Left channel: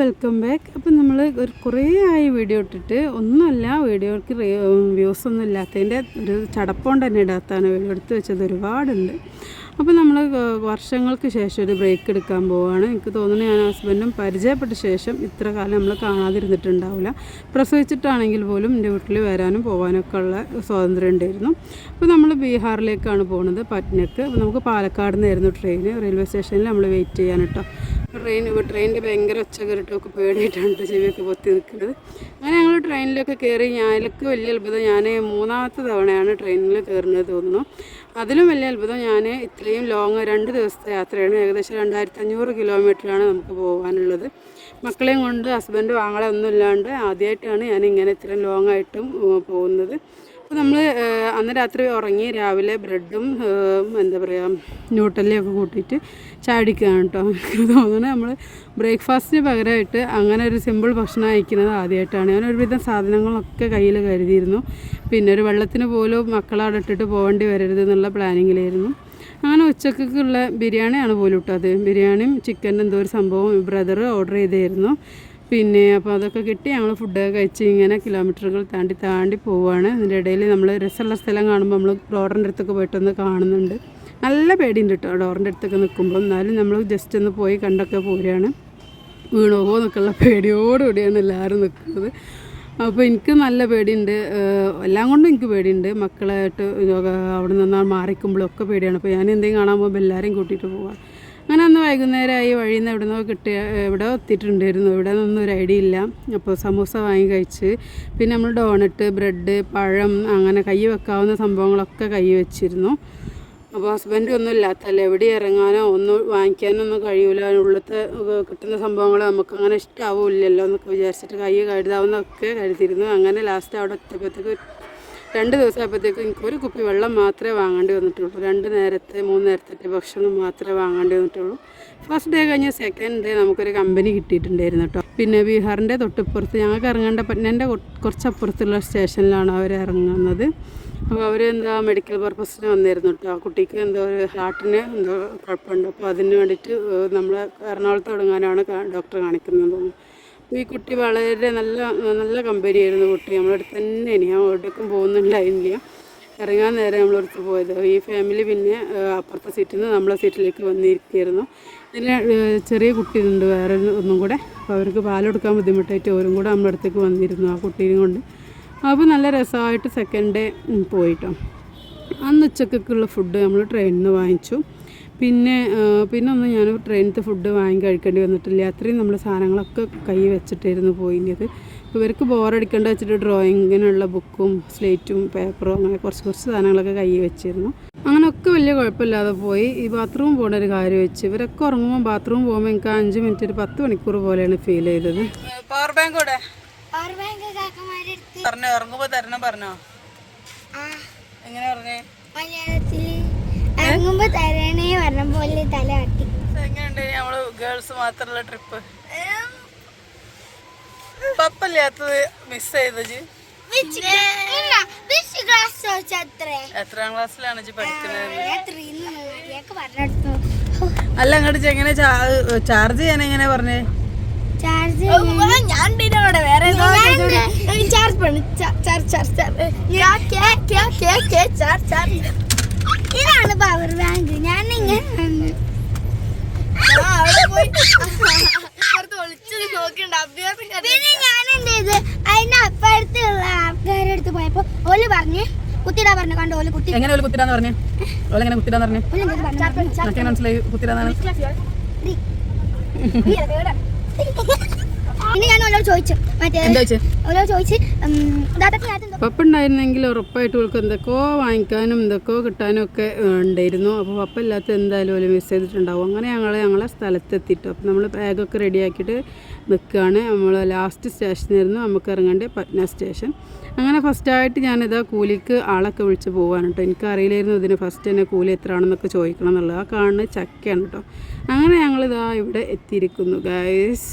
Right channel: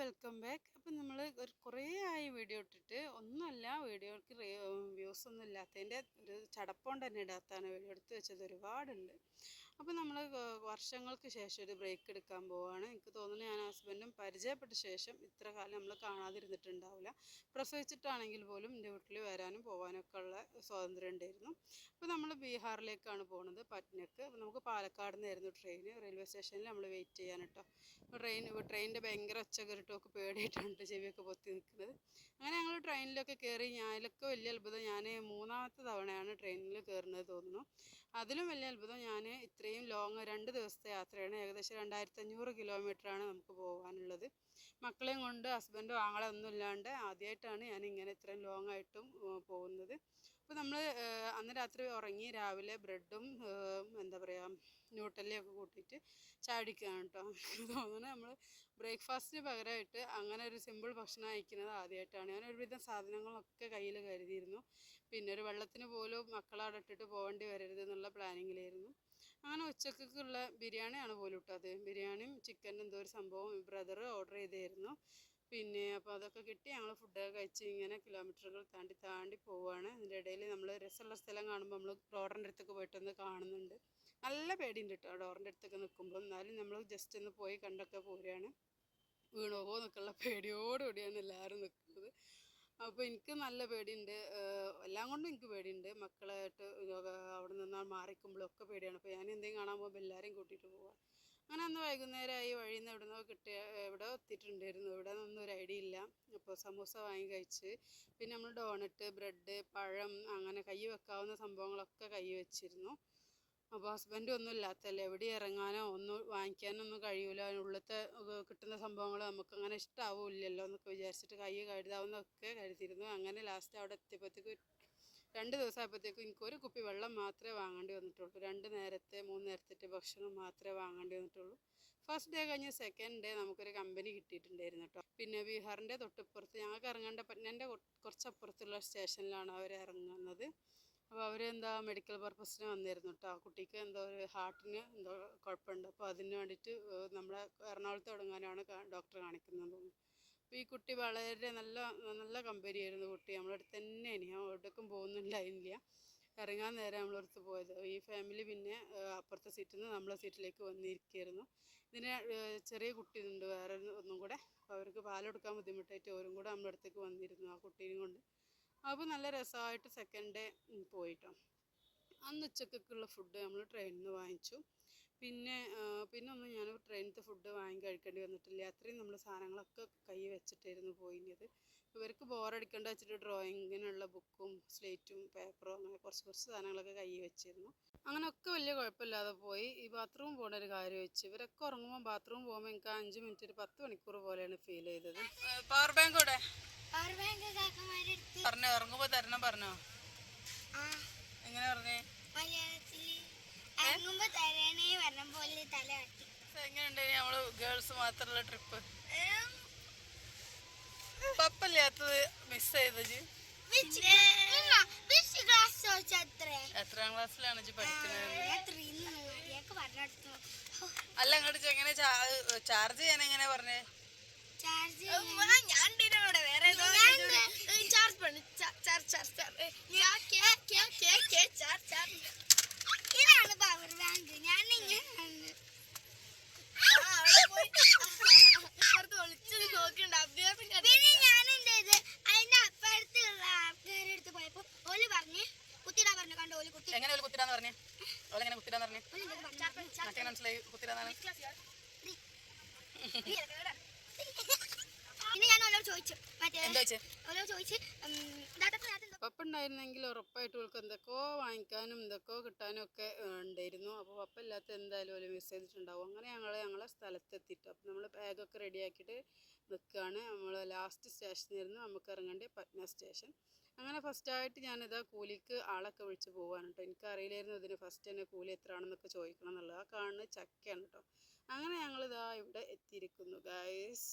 Welcome back അപ്പം നമ്മൾ ഒരു കുറേ ആയി വീഡിയോ ഇട്ടിട്ട് ഒന്നുമല്ല വീഡിയോക്ക് വ്യൂസ് ഒന്നും ഇല്ലാത്തതിന്റെ ഒരു ചടപ്പം തന്നെ ഇടാത്താണ്. വീഡിയോ എടുത്ത് വെച്ചത് ഒരുപാടുണ്ട്. അപ്പോൾ നമ്മൾ വർഷങ്ങൾക്ക് ശേഷം ഒരു ബ്രേക്ക് എടുക്കാൻ പോവുകയാണ് എനിക്ക് തോന്നുന്നു ഞാൻ ഹസ്ബൻഡും പരിചയപ്പെട്ട ശേഷം ഇത്ര കാലം നമ്മൾ കാണാതിരുന്നിട്ടുണ്ടാവില്ല പ്രസവിച്ചിട്ടാണെങ്കിൽ പോലും എന്റെ വീട്ടിൽ വരാനും പോകാനൊക്കെ ഉള്ള സ്വാതന്ത്ര്യം ഉണ്ടായിരുന്നു. അപ്പോൾ നമ്മൾ ബീഹാറിലേക്കാണ് പോകുന്നത് പറ്റ്നക്ക് നമുക്ക് പാലക്കാട് നിന്നായിരുന്നു ട്രെയിൻ റെയിൽവേ സ്റ്റേഷനിൽ നമ്മൾ വെയിറ്റ് ചെയ്യാൻ കേട്ടോ ട്രെയിൻ ട്രെയിനിന്റെ ഭയങ്കര ഒച്ച കയറിട്ടൊക്കെ പേടിയിട്ടാണ് ചെവിയൊക്കെ പൊത്തി നിൽക്കുന്നത്. അങ്ങനെ ഞങ്ങൾ ട്രെയിനിലൊക്കെ കയറി ഞാനൊക്കെ വലിയ അത്ഭുതം ഞാൻ മൂന്നാമത്തെ തവണയാണ് ട്രെയിനിൽ കയറുന്നത് തോന്നുന്നു. അതിലും വലിയ അത്ഭുതം ഞാൻ ഇത്രയും ലോങ് രണ്ട് ദിവസത്തെ യാത്രയാണ്. ഏകദേശം രണ്ടായിരത്തി അഞ്ഞൂറ് കിലോമീറ്ററാണ് നമുക്ക് പോകാനുള്ളത് മക്കളെയും കൊണ്ട് ഹസ്ബൻഡ് ആങ്ങളെ ഒന്നും ഇല്ലാണ്ട് ആദ്യമായിട്ടാണ് ഞാൻ ഇങ്ങനെ ഇത്രയും ലോങ് ആയിട്ടും പോകുന്നത്. അപ്പോൾ നമ്മൾ അന്ന് രാത്രി ഉറങ്ങി രാവിലെ ബ്രെഡും എന്താ പറയുക ന്യൂട്ടലിയൊക്കെ കൂട്ടിയിട്ട് ചാടിക്കുകയാണ് കേട്ടോ എനിക്ക് തോന്നുന്നത് നമ്മൾ ബ്രേക്ക്ഫാസ്റ്റിന് പകരമായിട്ട് അങ്ങനെ ഒരു സിമ്പിൾ ഭക്ഷണം അയക്കുന്നത് ആദ്യമായിട്ടാണ് ഞാൻ ഒരുവിധം സാധനങ്ങളൊക്കെ കയ്യിൽ കരുതിയിരുന്നു. പിന്നെ ഒരു വെള്ളത്തിന് പോലും മക്കളവിടെ ഇട്ടിട്ട് പോകേണ്ടി വരരുത് എന്നുള്ള പ്ലാനിങ്ങിലായിരുന്നു. അങ്ങനെ ഉച്ചക്കുള്ള ബിരിയാണിയാണ് പോലും ഇട്ടത്. ബിരിയാണിയും ചിക്കൻ എന്തോ ഒരു സംഭവം ബ്രദർ ഓർഡർ ചെയ്തായിരുന്നു. പിന്നെ അപ്പോൾ അതൊക്കെ കിട്ടി. ഞങ്ങൾ ഫുഡൊക്കെ കഴിച്ച് ഇങ്ങനെ കിലോമീറ്ററുകൾ താണ്ടി താണ്ടി പോവുകയാണ് അതിന്റെ ഇടയിൽ നമ്മൾ രസമുള്ള സ്ഥലം കാണുമ്പോൾ നമ്മൾ ഡോറിന്റെ അടുത്തൊക്കെ പോയിട്ടൊന്ന് കാണുന്നുണ്ട്. നല്ല പേടിയുണ്ട് കേട്ടോ ഡോറിന്റെ അടുത്തൊക്കെ നിൽക്കുമ്പോൾ എന്നാലും നമ്മൾ ജസ്റ്റ് ഒന്ന് പോയി കണ്ടൊക്കെ പോരുകയാണ് വീണോ എന്നൊക്കെയുള്ള പേടിയോടുകൂടിയാണ് എല്ലാവരും നിൽക്കുന്നത് അപ്പോൾ എനിക്ക് നല്ല പേടിയുണ്ട്. എല്ലാം കൊണ്ടും എനിക്ക് പേടിയുണ്ട്. മക്കളായിട്ട് അവിടെ നിന്ന് മാറിക്കുമ്പോഴൊക്കെ പേടിയാണ്. അപ്പോൾ ഞാൻ എന്തെങ്കിലും കാണാൻ പോകുമ്പോൾ എല്ലാവരെയും കൂട്ടിയിട്ട് പോവാം. അങ്ങനെ അന്ന് വൈകുന്നേരമായി വഴിയിൽ നിന്ന് എവിടെ നിന്നോ കിട്ടിയ എവിടെ എത്തിയിട്ടുണ്ടായിരുന്നു. ഇവിടെ നിന്നൊന്നും ഒരു ഐഡിയ ഇല്ല. അപ്പോൾ സമൂസ വാങ്ങി കഴിച്ച് പിന്നെ നമ്മൾ ഡോണറ്റ് ബ്രെഡ് പഴം അങ്ങനെ കൈ വെക്കാവുന്ന സംഭവങ്ങളൊക്കെ കൈ വെച്ചിരുന്നു. അപ്പോൾ ഹസ്ബൻഡ് ഒന്നും ഇല്ലാത്തല്ല? എവിടെ ഇറങ്ങാനോ ഒന്നും വാങ്ങിക്കാനോ ഒന്നും കഴിയൂല. ഉള്ളത്തെ കിട്ടുന്ന സംഭവങ്ങൾ നമുക്ക് അങ്ങനെ ഇഷ്ടാവില്ലല്ലോ എന്നൊക്കെ വിചാരിച്ചിട്ട് കൈ കരുതാവുന്നൊക്കെ കരുതിയിരുന്നു. അങ്ങനെ ലാസ്റ്റ് അവിടെ എത്തിയപ്പോഴത്തേക്ക് രണ്ട് ദിവസമായപ്പോഴത്തേക്കും എനിക്ക് ഒരു കുപ്പി വെള്ളം മാത്രമേ വാങ്ങേണ്ടി വന്നിട്ടുള്ളൂ. രണ്ട് നേരത്തെ മൂന്ന് നേരത്തെ ഭക്ഷണം മാത്രമേ വാങ്ങേണ്ടി വന്നിട്ടുള്ളൂ. ഫസ്റ്റ് ഡേ കഴിഞ്ഞ സെക്കൻഡ് ഡേ നമുക്കൊരു കമ്പനി കിട്ടിയിട്ടുണ്ടായിരുന്നു കേട്ടോ പിന്നെ ബീഹാറിന്റെ തൊട്ടിപ്പുറത്ത് ഞങ്ങൾക്ക് ഇറങ്ങേണ്ട പറ്റ്നന്റെ കുറച്ചപ്പുറത്തുള്ള സ്റ്റേഷനിലാണ് അവർ ഇറങ്ങുന്നത്. അപ്പോൾ അവർ എന്താ മെഡിക്കൽ പർപ്പസിന് വന്നിരുന്നു കേട്ടോ ആ കുട്ടിക്ക് എന്തോ ഒരു ഹാർട്ടിന് എന്തോ കുഴപ്പമുണ്ട്. അപ്പോൾ അതിന് വേണ്ടിയിട്ട് നമ്മൾ എറണാകുളത്ത് തുടങ്ങാനാണ് ഡോക്ടർ കാണിക്കുന്നത് തോന്നുന്നു. ഈ കുട്ടി വളരെ നല്ല നല്ല കമ്പനിയായിരുന്നു കുട്ടി. നമ്മളടുത്ത് തന്നെ ഇനി. ഞാൻ എവിടേക്കും പോകുന്നുണ്ടായിരുന്നില്ല ഇറങ്ങാൻ നേരം നമ്മളടുത്ത് പോയത്. ഈ ഫാമിലി പിന്നെ അപ്പുറത്തെ സീറ്റിൽ നിന്ന് നമ്മളെ സീറ്റിലേക്ക് വന്നിരിക്കുകയായിരുന്നു. ഇതിൽ ചെറിയ കുട്ടിയുണ്ട്. വേറെ ഒന്നും കൂടെ. അപ്പോൾ അവർക്ക് പാലെടുക്കാൻ ബുദ്ധിമുട്ടായിട്ട് ഓരും കൂടെ നമ്മുടെ അടുത്തേക്ക് വന്നിരുന്നു ആ കുട്ടീനെ കൊണ്ട്. അപ്പോൾ നല്ല രസമായിട്ട് സെക്കൻഡ് ഡേ പോയിട്ടോ. അന്ന് ഉച്ചക്കൊക്കെയുള്ള ഫുഡ് നമ്മൾ ട്രെയിനിൽ നിന്ന് വാങ്ങിച്ചു. പിന്നെ പിന്നെ ഒന്നും ഞാൻ ട്രെയിനത്തെ ഫുഡ് വാങ്ങി കഴിക്കേണ്ടി വന്നിട്ടില്ല. അത്രയും നമ്മൾ സാധനങ്ങളൊക്കെ കൈ വെച്ചിട്ടായിരുന്നു പോയിന്റെത് ഇവർക്ക് ബോറടിക്കേണ്ട വെച്ചിട്ട് ഡ്രോയിങ്ങിനുള്ള ബുക്കും സ്ലേറ്റും പേപ്പറും അങ്ങനെ കുറച്ച് കുറച്ച് സാധനങ്ങളൊക്കെ കൈ വെച്ചിരുന്നു. അങ്ങനെയൊക്കെ വലിയ കുഴപ്പമില്ലാതെ പോയി. ഈ ബാത്റൂം പോകേണ്ട ഒരു കാര്യം വെച്ച് ഇവരൊക്കെ ഉറങ്ങുമ്പോൾ ബാത്റൂം പോകുമ്പോൾ എനിക്ക് അഞ്ച് മിനിറ്റ് ഒരു പത്ത് മണിക്കൂർ പോലെയാണ് ഫീൽ ചെയ്തത്. പവർ ബാങ്ക് കൂടെ പറഞ്ഞോ ഉറങ്ങുമ്പോൾ തരണം പറഞ്ഞോ. എങ്ങനെ പറഞ്ഞേ? മലയാളത്തിൽ ഇറങ്ങുമ്പോ തരണേ പറഞ്ഞ പോലെ തല കാട്ടി. എങ്ങനെയുണ്ട് നമ്മൾ ഗേൾസ് മാത്രമുള്ള ട്രിപ്പ് പപ്പല്ലാത്തത് മിസ് ചെയ്തത് എത്രാം ക്ലാസ്സിലാണ് പഠിക്കുന്നത്? അല്ല അങ്ങോട്ട് എങ്ങനെ ചാർജ് ചെയ്യാൻ എങ്ങനെ പറഞ്ഞേ? ചാർജ് ഞാൻ പിന്നെ അവിടെ വേറെ ചാർജ് പണി. ചാർജ് ചാർജ് ഇതാണ് പവർ ബാങ്ക് ഞാൻ ഇങ്ങനെ പിന്നെ ഞാൻ എന്ത് ചെയ്ത് അതിന്റെ അപ്പുറത്തുള്ള ആൾക്കാരുടെ അടുത്ത് പോയപ്പോ ഓൽ പറഞ്ഞ് കുത്തിടാ പറഞ്ഞു കണ്ടോ ഓൽ കുത്തി എങ്ങനെ ഒരു കുത്തിരാന്ന് പറഞ്ഞേ പറഞ്ഞേ ഓൽ എന്ത് പറഞ്ഞു എനിക്ക് മനസ്സിലായി കുത്തിരാന്നാണ് പിന്നെ ഞാൻ ഓലോട് ചോദിച്ചു. മറ്റേ എന്താ വെച്ചേ ഓലോട് ചോദിച്ച് ദാദക്ക് നേരത്തെ എന്തോ പപ്പ ഉണ്ടായിരുന്നെങ്കിൽ ഉറപ്പായിട്ട് ഇവൾക്ക് എന്തൊക്കെയോ വാങ്ങിക്കാനും എന്തൊക്കെയോ കിട്ടാനും ഒക്കെ ഉണ്ടായിരുന്നു. അപ്പോൾ പപ്പ ഇല്ലാത്ത എന്തായാലും ഒരു മിസ് ചെയ്തിട്ടുണ്ടാവും. അങ്ങനെ ഞങ്ങൾ ഞങ്ങളെ സ്ഥലത്തെത്തിയിട്ടു അപ്പോൾ നമ്മൾ ബാഗൊക്കെ റെഡിയാക്കിയിട്ട് നിൽക്കുകയാണ് നമ്മൾ ലാസ്റ്റ് സ്റ്റേഷനായിരുന്നു നമുക്ക് ഇറങ്ങേണ്ട പറ്റ്ന സ്റ്റേഷൻ അങ്ങനെ ഫസ്റ്റായിട്ട് ഞാനിതാ കൂലിക്ക് ആളൊക്കെ വിളിച്ച് പോകാൻ കേട്ടോ എനിക്കറിയില്ലായിരുന്നു ഇതിന് ഫസ്റ്റ് തന്നെ കൂലി എത്രയാണെന്നൊക്കെ ചോദിക്കണം എന്നുള്ളത്. ആ കാണുന്നത് ചക്കയാണ് കേട്ടോ അങ്ങനെ ഞങ്ങളിതാ ഇവിടെ എത്തിയിരിക്കുന്നു ഗൈസ്